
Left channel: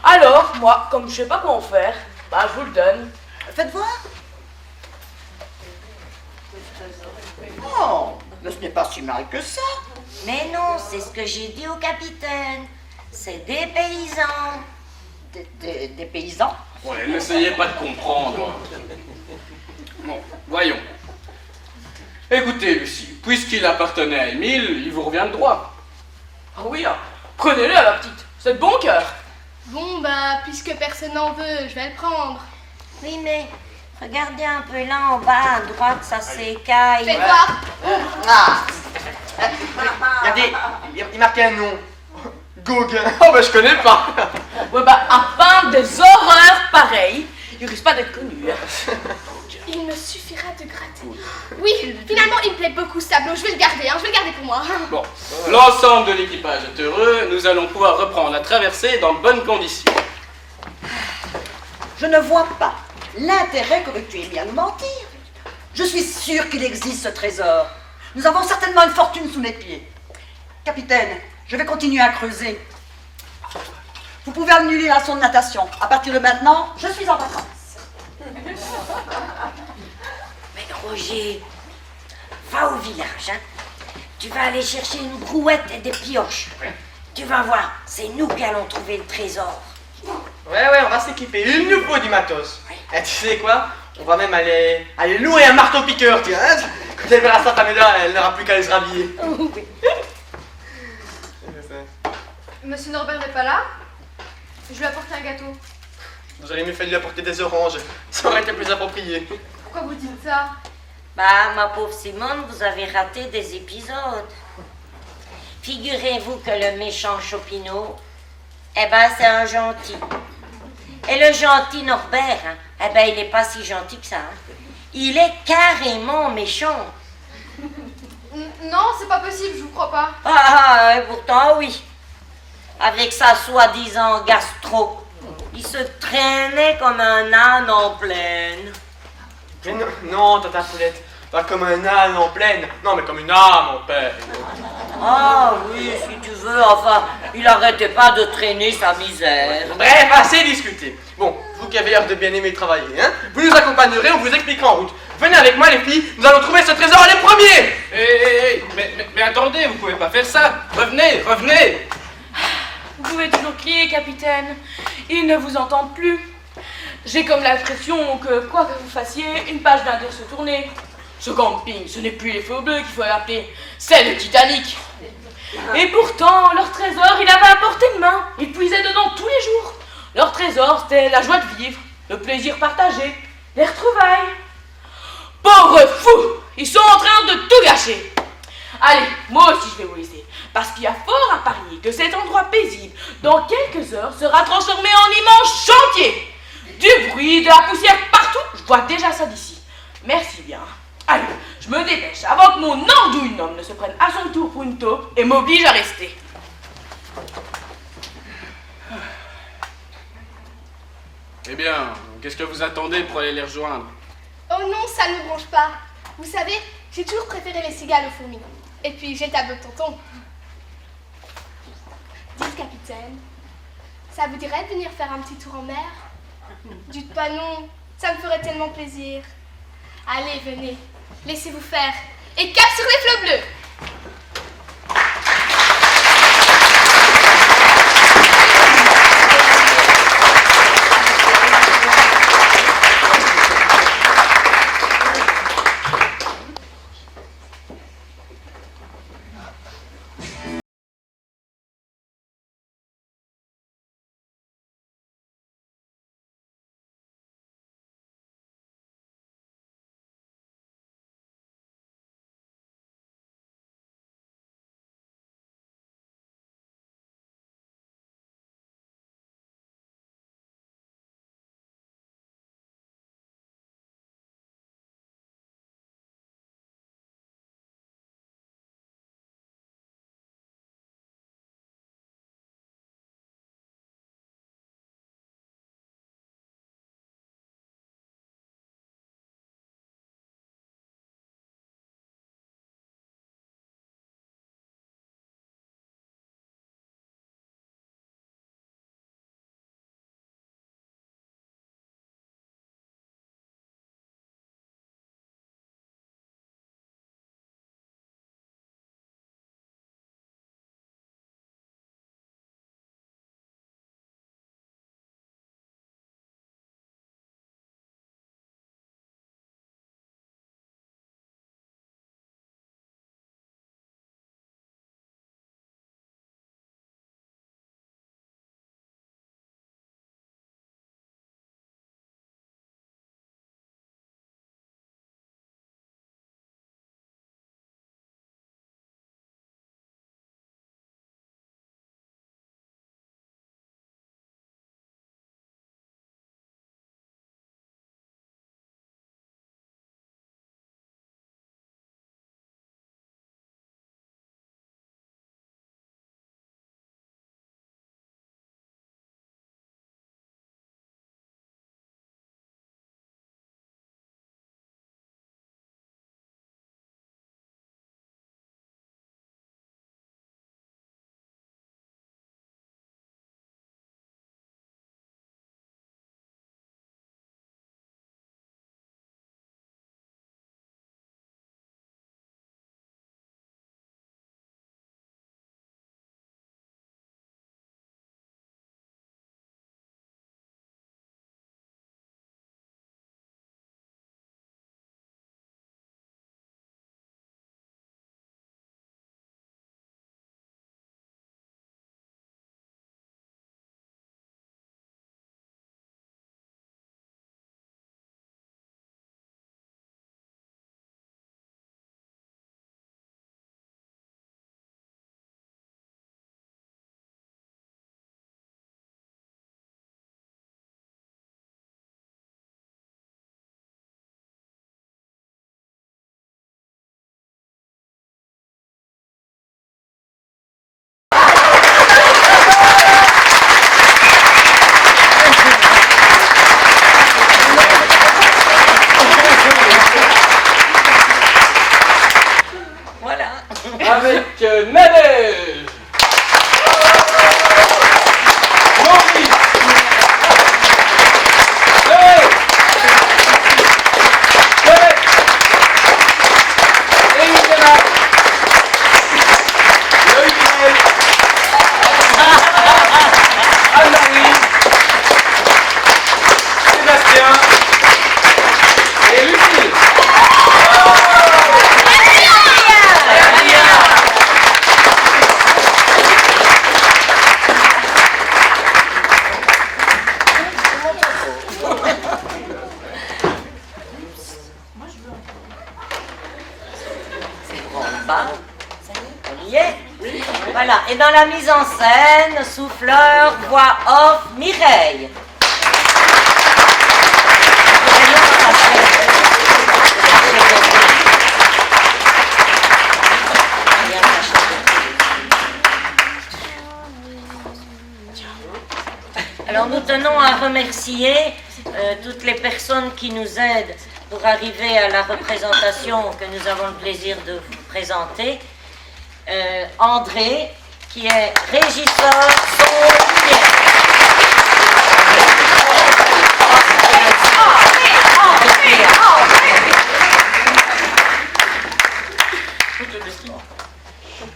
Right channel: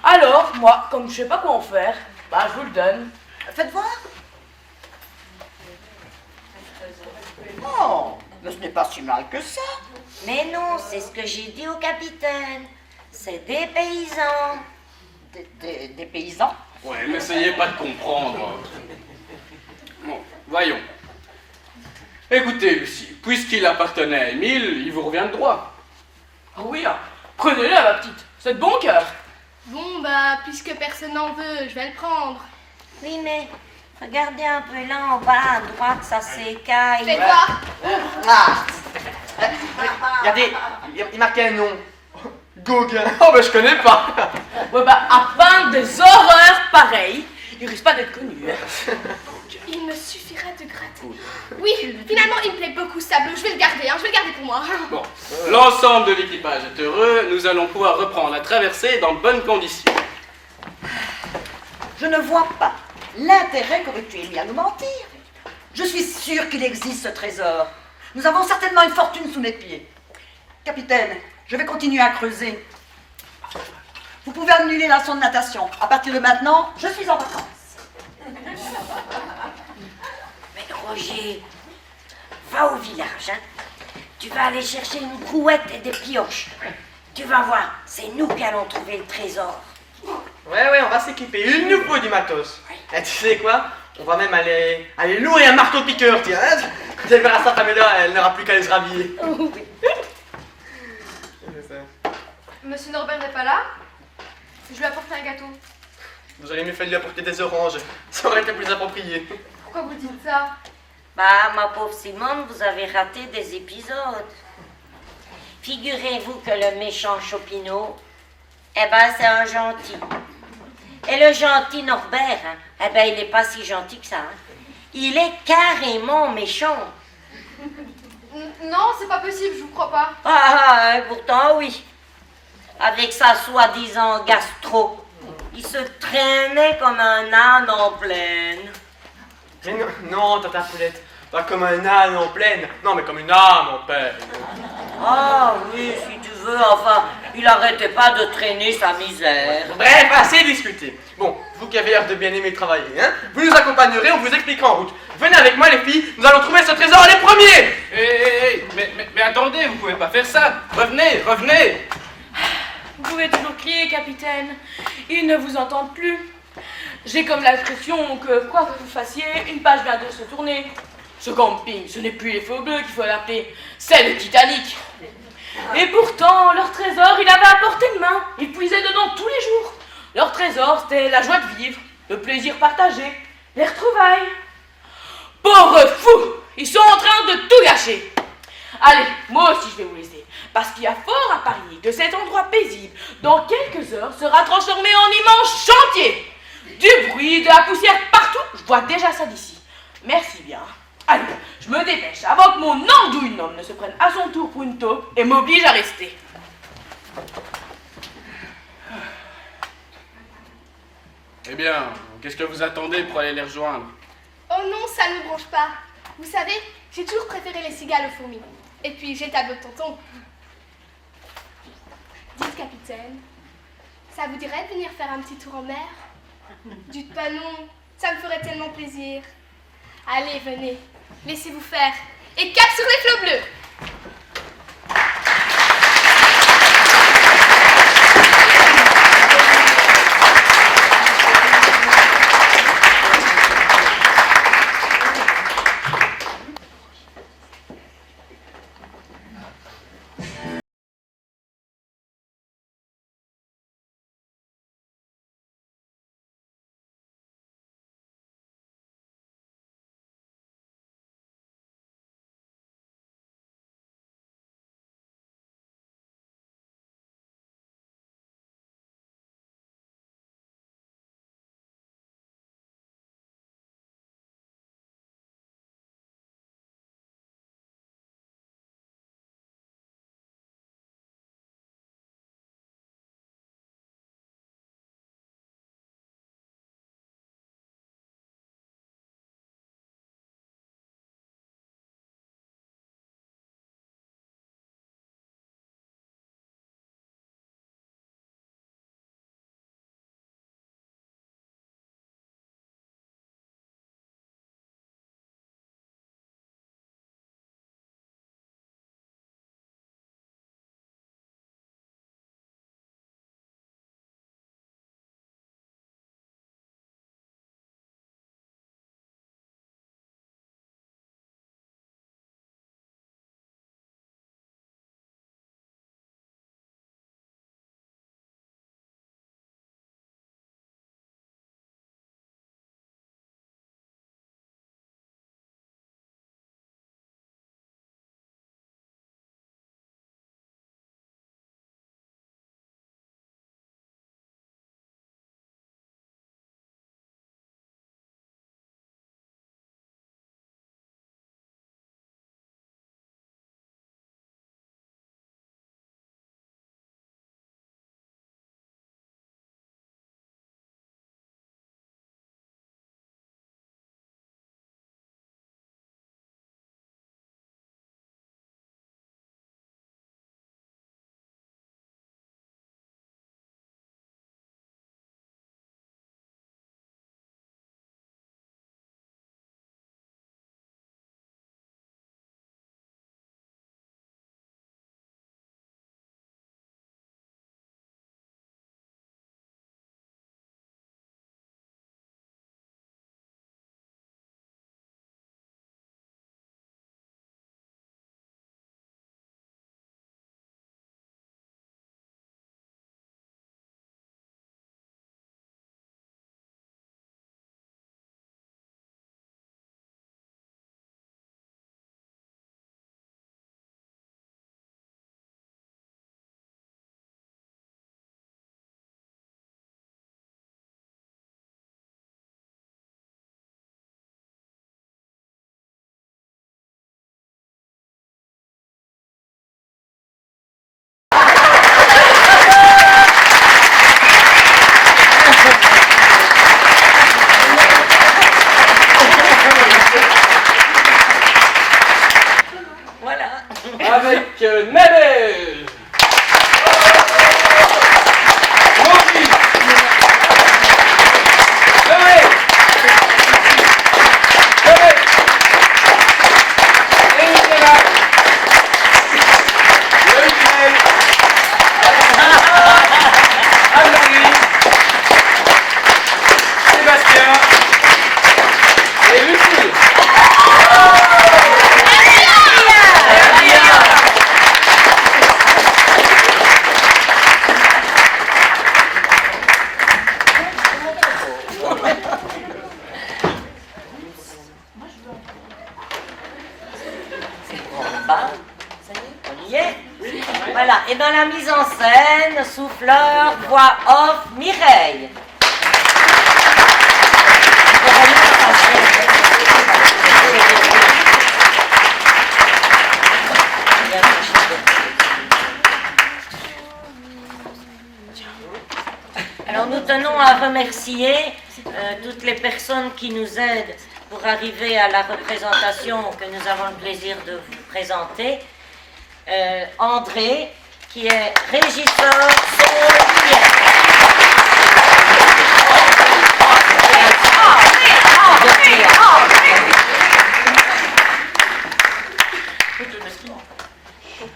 Alors, moi, comme je sais pas quoi en faire, bah je vous le donne. Faites voir. Oh, mais ce n'est pas si mal que ça. Mais non, c'est ce que j'ai dit au capitaine. C'est des paysans. Des paysans? Ouais, n'essayez pas de comprendre. Bon, voyons. Écoutez, Lucie, puisqu'il appartenait à Émile, il vous revient de droit. Ah oui, prenez-le, ma petite. C'est de bon cœur. Bon, bah, puisque personne n'en veut, je vais le prendre. Oui, mais regardez un peu là en bas à droite, ça s'écaille. Fais voir. Ah. Regardez, il marquait un nom. Gauguin. Oh bah je connais pas. Ouais, bah, à peindre des horreurs pareilles, il risque pas d'être connu. Hein. Il me suffira de gratter. Oui, finalement, il me plaît beaucoup ce tableau. Je vais le garder, hein, je vais le garder pour moi. Bon, l'ensemble de l'équipage est heureux, nous allons pouvoir reprendre la traversée dans de bonnes conditions. Je ne vois pas l'intérêt que tu aies mis à nous mentir. Je suis sûre qu'il existe ce trésor. Nous avons certainement une fortune sous mes pieds. Capitaine, je vais continuer à creuser. Vous pouvez annuler la leçon de natation. À partir de maintenant, je suis en vacances. Mais Roger, va au village, hein. Tu vas aller chercher une brouette et des pioches. Tu vas voir, c'est nous qui allons trouver le trésor. Ouais, on va s'équiper. Il nous faut du matos. Et tu sais quoi? On va même aller louer un marteau-piqueur, tiens. Hein. Quand elle verra sa famille là, elle n'aura plus qu'à aller se rhabiller. Monsieur Norbert n'est pas là? Je lui apporte un gâteau. Vous auriez mieux fait de lui apporter des oranges. Ça aurait été plus approprié. Pourquoi vous dites ça? Bah, ma pauvre Simone, vous avez raté des épisodes. Figurez-vous que le méchant Chopineau, eh ben, c'est un gentil. Et le gentil Norbert, hein, eh ben, il n'est pas si gentil que ça. Hein. Il est carrément méchant. Non, c'est pas possible, je vous crois pas. Pourtant, oui. Avec sa soi-disant gastro, il se traînait comme un âne en plaine. Mais non, Tata Poulette. Pas comme un âne en plaine. Non, mais comme une âme en peine. Ah oui, si tu veux, enfin, il arrêtait pas de traîner sa misère. Bref, assez discuté. Bon, vous qui avez l'air de bien aimer travailler, hein, vous nous accompagnerez, on vous expliquera en route. Venez avec moi les filles, nous allons trouver ce trésor les premiers. Mais attendez, vous pouvez pas faire ça. Revenez. Vous pouvez toujours crier, capitaine. Ils ne vous entendent plus. J'ai comme l'impression que, quoi que vous fassiez, une page vient de se tourner. Ce camping, ce n'est plus les Flots Bleus qu'il faut l'appeler, c'est le Titanic. Et pourtant, leur trésor, il avait à portée de main. Ils puisaient dedans tous les jours. Leur trésor, c'était la joie de vivre, le plaisir partagé, les retrouvailles. Pauvres fous, ils sont en train de tout gâcher. Allez, moi aussi je vais vous laisser, parce qu'il y a fort à parier que cet endroit paisible, dans quelques heures, sera transformé en immense chantier. Du bruit, de la poussière partout, je vois déjà ça d'ici. Merci bien. Allez, je me dépêche avant que mon andouille homme ne se prenne à son tour pour une taupe et m'oblige à rester. Eh bien, qu'est-ce que vous attendez pour aller les rejoindre? Oh non, ça ne me branche pas. Vous savez, j'ai toujours préféré les cigales aux fourmis. Et puis, j'ai le tableau de tonton. Dites, capitaine, ça vous dirait de venir faire un petit tour en mer? Dites pas non, ça me ferait tellement plaisir. Allez, venez, laissez-vous faire. Et cap sur les flots bleus! avec Nadège, Maurice, Chloé, Chloé, Émilie, Loïc, Anne-Marie, Sébastien et Lucille. On y est. Voilà, et dans la mise en scène, souffleur, voix off, Mireille. Alors nous tenons à remercier toutes les personnes qui nous aident pour arriver à la représentation que nous avons le plaisir de vous présenter. André, qui est régisseur son et lumière.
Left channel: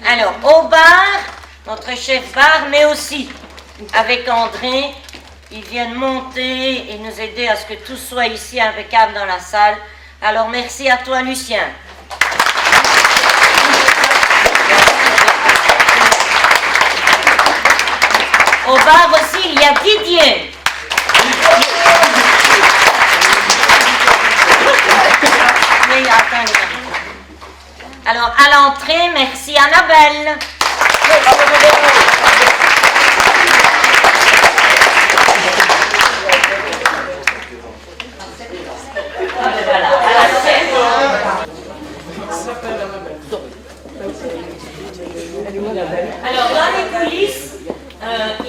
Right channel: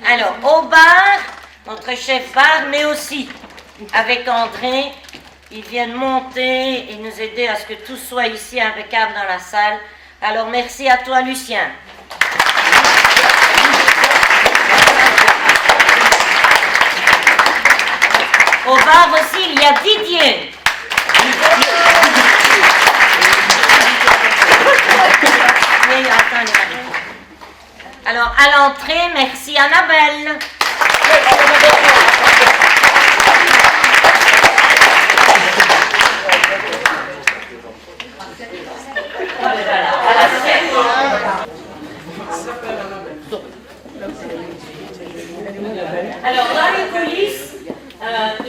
Alors, au bar, notre chef bar, mais aussi avec André, ils viennent monter et nous aider à ce que tout soit ici impeccable dans la salle. Alors, merci à toi, Lucien. Au bar aussi, il y a Didier. Mais attends, alors, à l'entrée, merci Annabelle. Voilà, à la scène. Alors, dans les coulisses,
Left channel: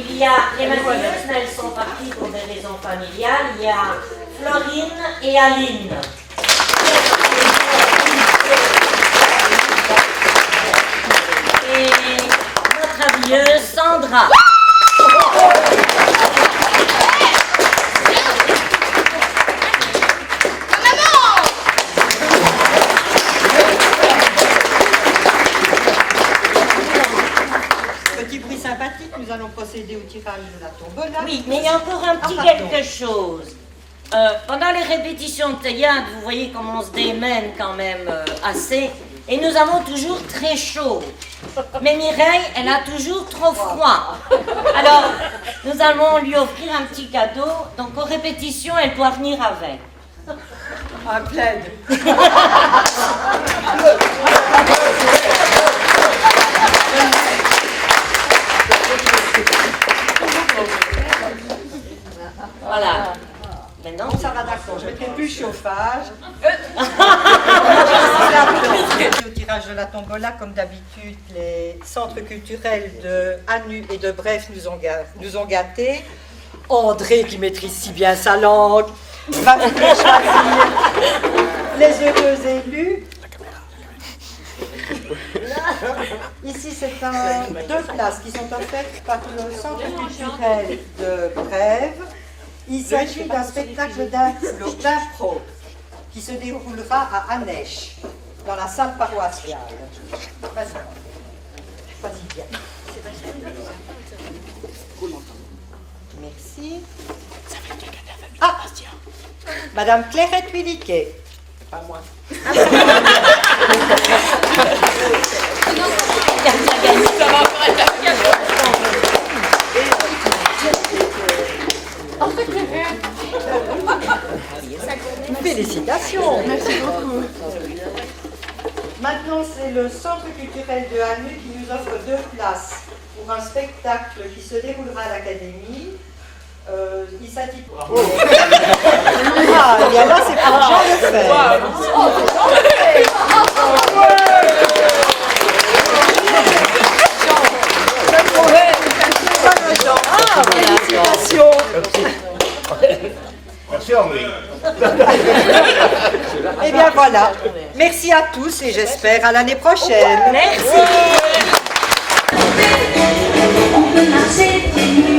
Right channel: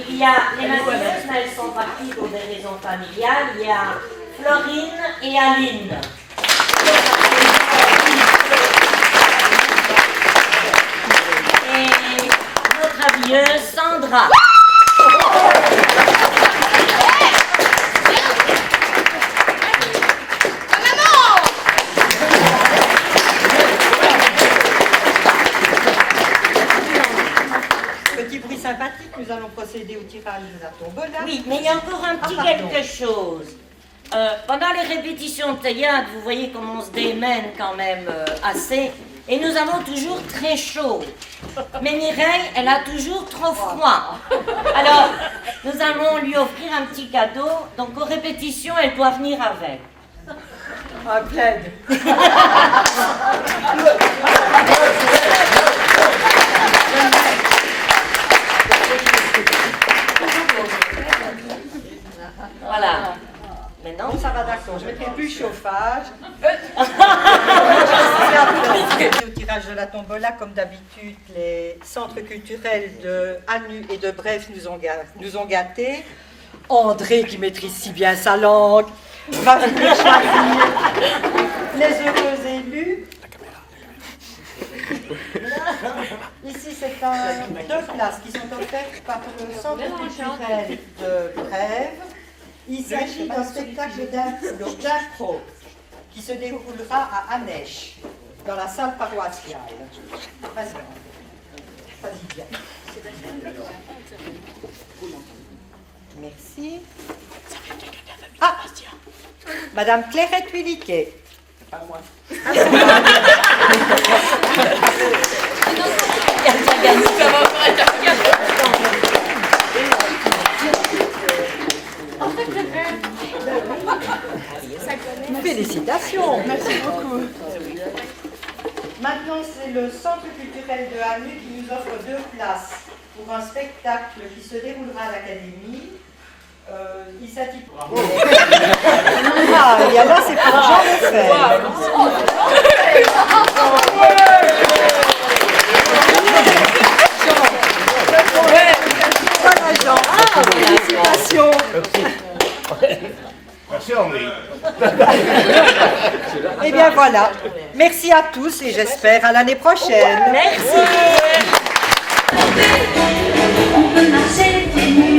il y a les maquilleuses, mais elles sont parties pour des raisons familiales. Il y a Florine et Aline. Et notre habilleuse, Sandra. Petit prix sympathique, nous allons procéder au tirage de la tombola. Oui, mais il y a encore un petit quelque chose. Pendant les répétitions de théâtre, vous voyez comment on se démène quand même assez. Et nous avons toujours très chaud. Mais Mireille, elle a toujours trop froid. Alors, nous allons lui offrir un petit cadeau. Donc, aux répétitions, elle doit venir avec. Un plaid. Voilà. Maintenant, ça va d'accord, je mettrai plus chauffage. Au tirage de la tombola, comme d'habitude, les centres culturels de Anu et de Bref nous ont gâtés. André, qui maîtrise si bien sa langue, va venir choisir les heureux élus. Ici, c'est deux places qui sont offertes par le centre culturel de Brève. Il s'agit d'un spectacle d'impro qui se déroulera à Anèche, dans la salle paroissiale. Vas-y bien. Merci. Ah, Madame Clairette Williquet. Pas moi. Félicitations. Merci beaucoup. Maintenant, c'est le centre culturel de Anu qui nous offre 2 places pour un spectacle qui se déroulera à l'Académie. Il s'intitule... Ah, et bien là, c'est pour Jean Lefebvre. Ah, félicitations. Merci Henri. Eh bien voilà, Merci à tous et j'espère à l'année prochaine. Merci. On peut danser des nuits.